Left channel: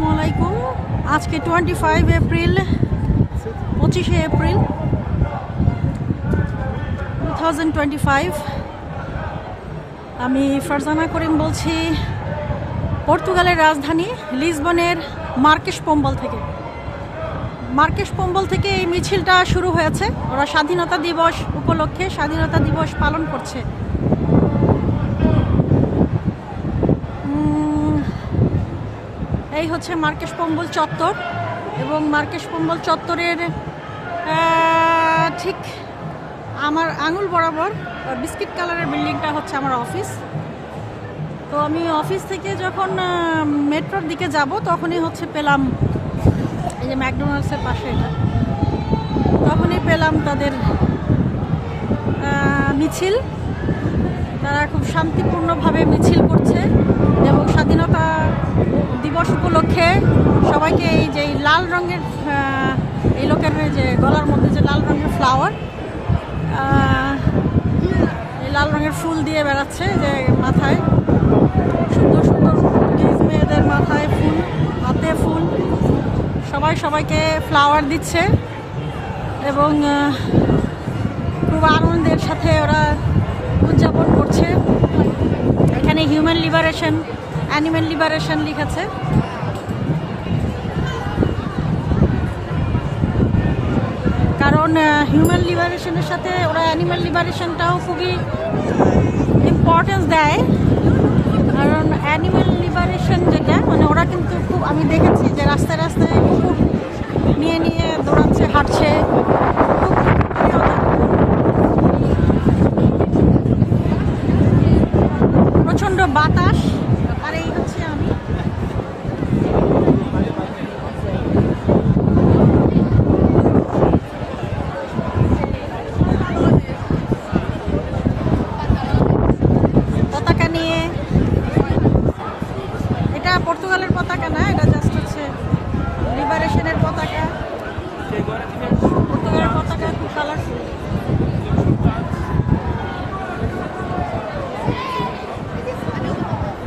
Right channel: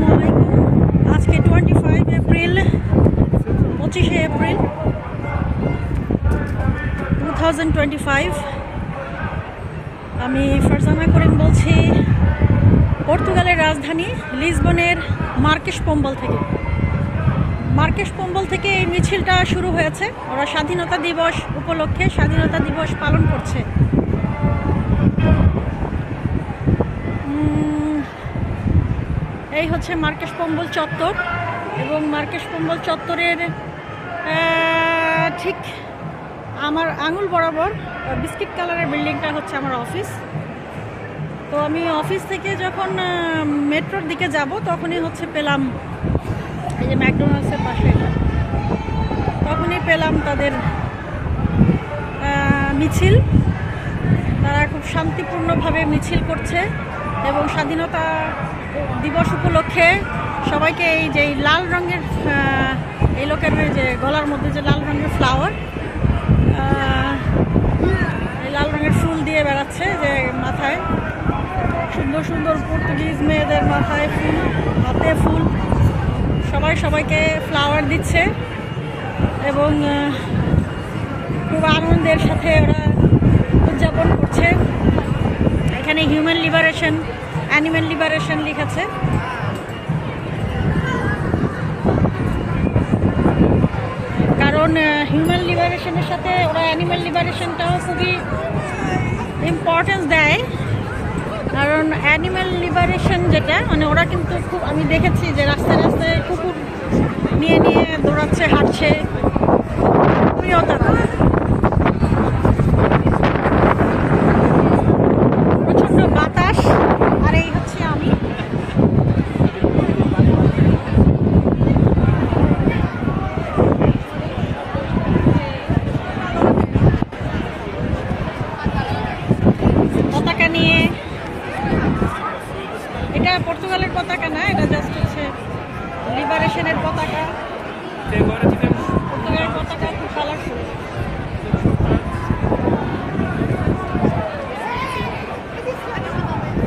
আসসালামু আলাইকুম। আজকে 25 এপ্রিল 25শে এপ্রিল 2025। আমি ফারজানা করিম বলছি পর্তুগালের রাজধানী লিসবনের মার্কেস পোম্বল থেকে এই মিছিলটা শুরু হয়েছে। ওরা স্বাধীনতা দিবস উপলক্ষে স্বাধীনতা দিবস পালন করছে। এই হচ্ছে মার্কেস পোম্বল চত্বর এবং মার্কেস পোম্বল চত্বরের ঠিক আমার আঙুল বরাবর বিস্কিট কালারের বিল্ডিংটা হচ্ছে আমার অফিস। তো আমি অফিস থেকে যখন মেট্রোর দিকে যাব তখনই হচ্ছে পেলাম এই যে ম্যাকডোনাল্ডসের পাশে এটা, তখনই পেলাম তাদের মিছিল। তারা খুব শান্তিপূর্ণভাবে মিছিল করছে এবং স্বাধীনতা দিবস উপলক্ষে সবাইকে এই যে লাল রঙের এই লোকের যে গলার মধ্যে যে লাল রঙের ফ্লাওয়ার, এই লাল রঙের ফুল দিয়ে বেড়াচ্ছে, যে মাথায় সুন্দর সুন্দর পর্তুগিজ মেয়েদের মাথায় ফুল, হাতে ফুল, সবাইকে ফ্লাওয়ার দিচ্ছে এবং খুব আনন্দের সাথে ওরা উদযাপন করছে। এখানে হিউম্যান লিবারেশন, অ্যানিম্যাল লিবারেশন লিখেছে। কারণ হিউম্যান লিবারেশনের সাথে ওরা অ্যানিম্যাল লিবারেশনটাও খুবই ইম্পর্টেন্স দেয়। কারণ অ্যানিম্যাল লিবারেশন যেটা, মানে ওরা কিন্তু খুব, আমি দেখেছি যে রাস্তায় রাস্তায় কুকুর নিয়ে দৌড়াচ্ছে, হাঁটছে, খুব প্রিয়তা। প্রচণ্ড বাতাস, আর এই হচ্ছে আমি। পতাকা নিয়ে, এটা পর্তুগালের পতাকা না, এটা জাস্ট হচ্ছে লিবারেশনের পতাকা। পর্তুগালের পতাকা খুব কালারফুল।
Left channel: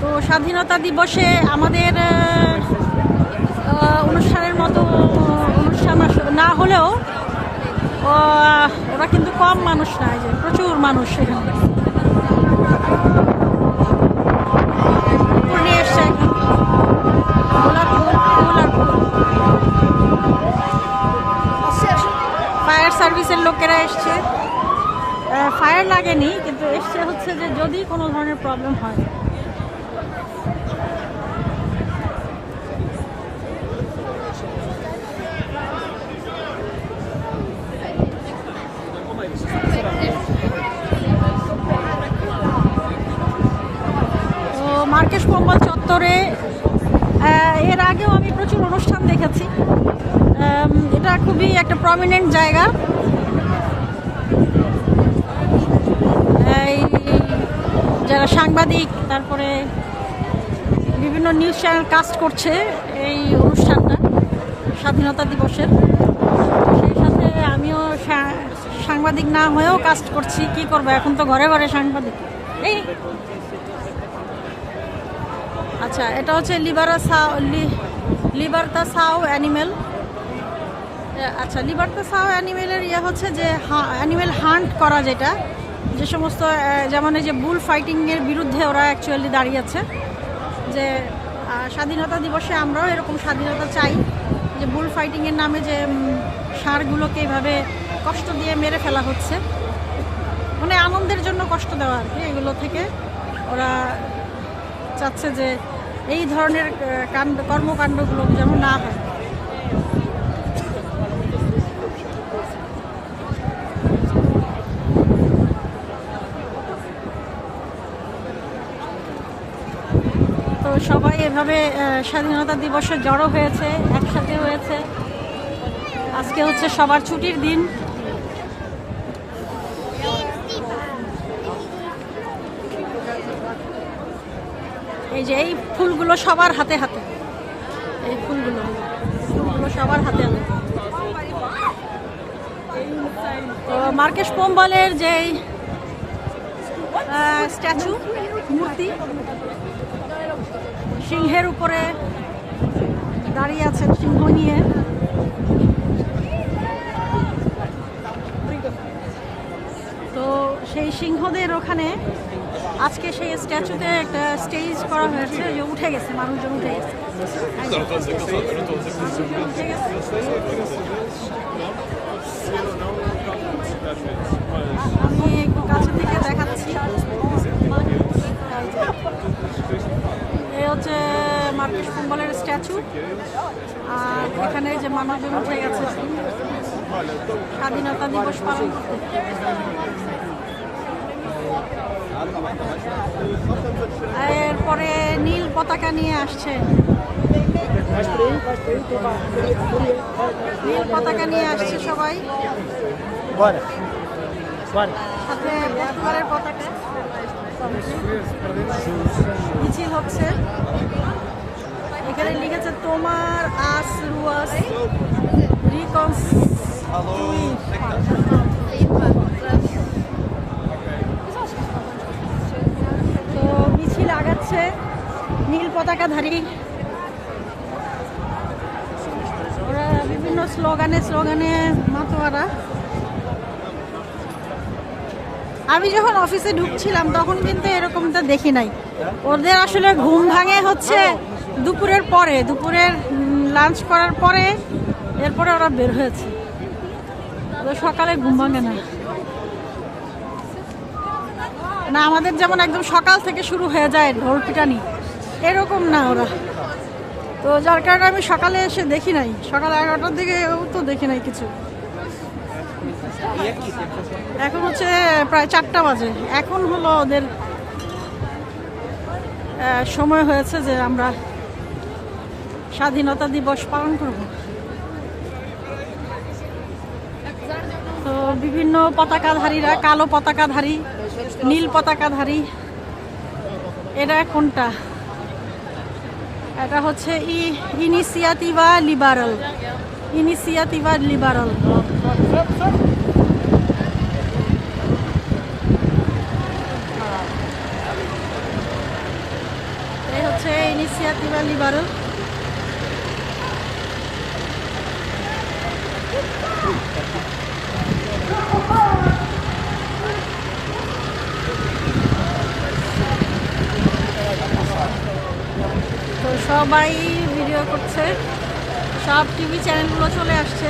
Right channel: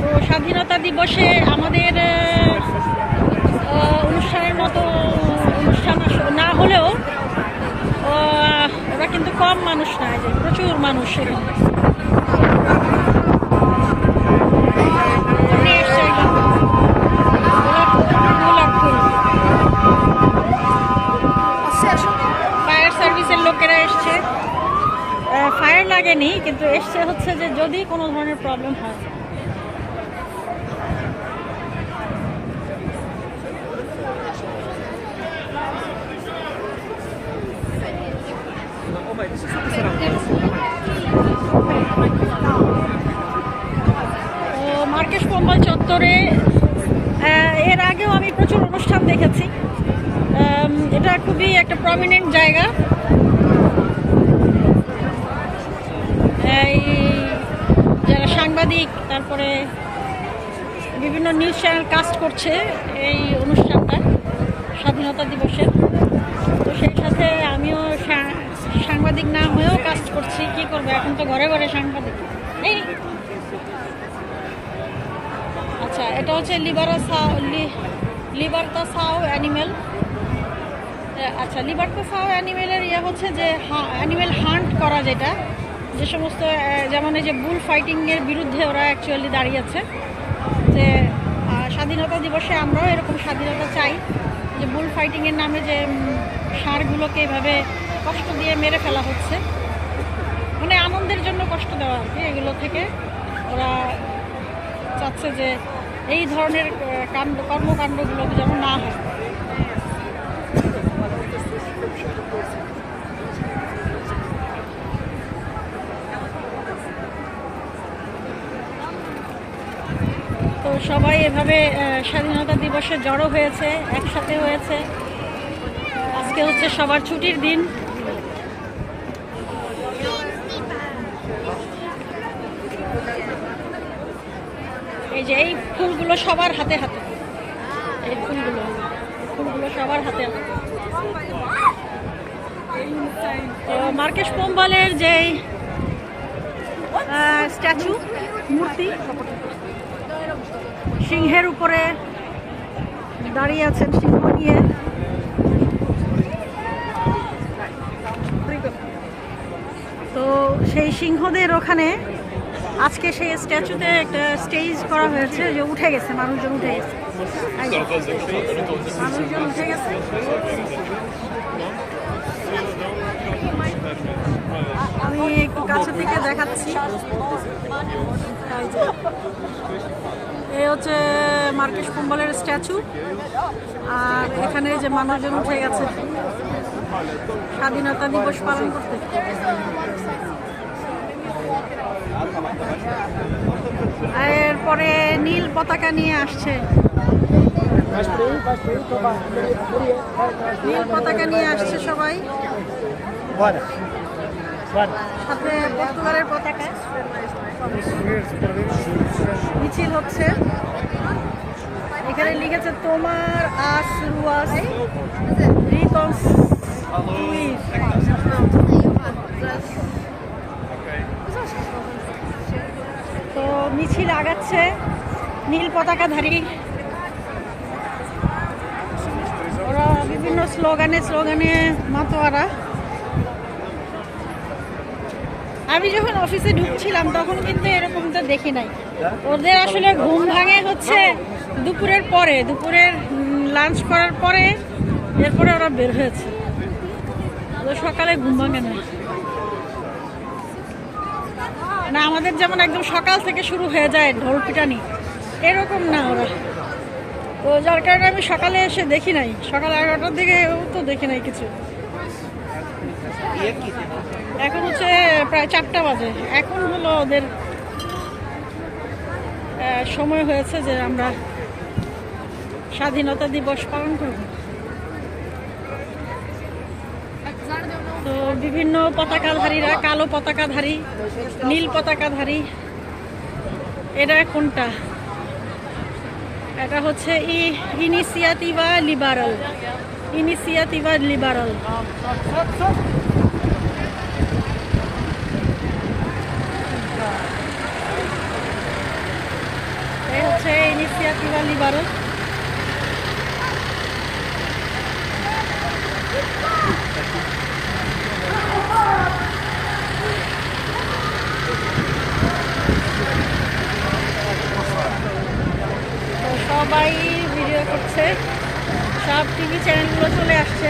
তো স্বাধীনতা দিবসে আমাদের অনুষ্ঠানের মতো অনুষ্ঠান না হলেও ওরা কিন্তু কম মানুষ না, যে প্রচুর মানুষ সেখানে এসছে। ফায়ার সার্ভিসের লোকেরা এসছে, ফায়ার লাগেনি কিন্তু এসছে হচ্ছে যে যদি কোনো ধরনের প্রবলেম হয়। মার্কেস পোম্বল চত্বরে এর আগেও আমি প্রচুর অনুষ্ঠান দেখেছি। এটা খুবই একটা প্রমিনেন্ট জায়গা। এই যারা সাংবাদিক, তারপরে বিভিন্ন নিউজ চ্যানেল কাস্ট করছে এই অনুষ্ঠানটা স্বাধীনতা দিবসের। সেই সাথে আমিও সাংবাদিক না হয়েও কাস্ট করছি, কি করবো, এখন তো ঘরে ঘরে সাংবাদিক। এই আচ্ছা, এটা হচ্ছে লিবার্তাসাও অ্যানিমেল। আচ্ছা, লিবার্তাসাও অ্যানিমেলের হচ্ছে যে অ্যানিমেল হান্ট করা, যেটা যে সমস্ত, যেমন এই যে বুল ফাইটিংয়ের বিরুদ্ধে ওরা অ্যাকচুয়ালি দাঁড়িয়েছে। যে স্বাধীনতা দিবসে আমরাও এরকম স্বাধীনতা চাই, যে বুল ফাইটিংয়ের নামে যে ষাঁড়গুলোকে এভাবে কষ্ট দিয়ে মেরে ফেলা হচ্ছে, মানে আনন্দের জন্য কষ্ট দেওয়া আর কি। এগুলো থেকে ওরা চাচ্ছে যে এই ধরনের কর্মকাণ্ডগুলো যেমন না হয়। তো সবাই এভাবে স্বাধীনতা দিবসে জড়ো হয়েছে, একসাথে হয়েছে। আজকে হচ্ছে সবার ছুটির দিন। এই যে এই ফুলগুলো সবার হাতে হাতে, এই ফুলগুলো সবার হাতে হাতে। তো মার্কেস পোম্বলের যে স্ট্যাচু, মূর্তি, সিংহের উপরে দাঁড়িয়ে আছেন সিংহ নিয়ে। তো সেই সিংহদের ওখানে আজকে সেই স্ট্যাচুতে একটা স্টেজ করা হয়েছে, যে উঠে গেছে, মানুষজন উঠে গেছে। আমি একটু কাছে থেকে দেখাচ্ছি। এই হচ্ছে মার্কেশ কুম্বলের স্ট্যাচু, আর এখানে যে মানুষজন উঠে গেছে স্বাধীনতা দিবস পালন করতে। এরপরে নীল পতাকা নিয়ে আসছে, নীল পতাকা নিয়ে আসছে সবাই, সাথে পর্তুগালের পতাকা। মিছিল হচ্ছে, এখানে লিখেছে তোমার আস রুয়াস রিকনস্ট্রুইর। তো মিছিল আগাচ্ছে, নীল পতাকাধারী ওরা বিভিন্ন স্লোগানে মাতোয়ারা। আমি যখন অফিসে ঢুকছিলাম তখন কিন্তু এরকমটা দেখি নাই। ওদের আসলে ঘুম ভাঙে হচ্ছে দুপুরের পরে, দুপুরের লাঞ্চ করার পরে, এরপরে ওরা বের হয়েছে। ওদের সকালে ঘুম ভাঙে না, না আমাদের যেমন একদম সকাল থেকে শুরু হয়ে যায় ঢোল পিটানি, এরকম না ওরা। তো যার কারণে আমি সকালে এসে দেখি নাই, সকাল 11টার দিকে তো দেখি নাই কিছু। এখন হচ্ছে প্রায় 4টা বাজে, এখন হলো ওদের সময় হয়েছে যে আমরা স্বাধীনতা দিবস পালন করব। তো বিভিন্ন পতাকাধারীরা, কালো পতাকাধারী, নীল পতাকাধারী, এটা কোনটা? এটা হচ্ছে ইনিশিয়েটিভা লিবারাল, ইনিশিয়েটিভা লিবারাল। এই হচ্ছে ইনিশিয়েটিভা লিবারাল। সবাই ভিডিও করছে, সব টিভি চ্যানেলগুলো চলে আসছে।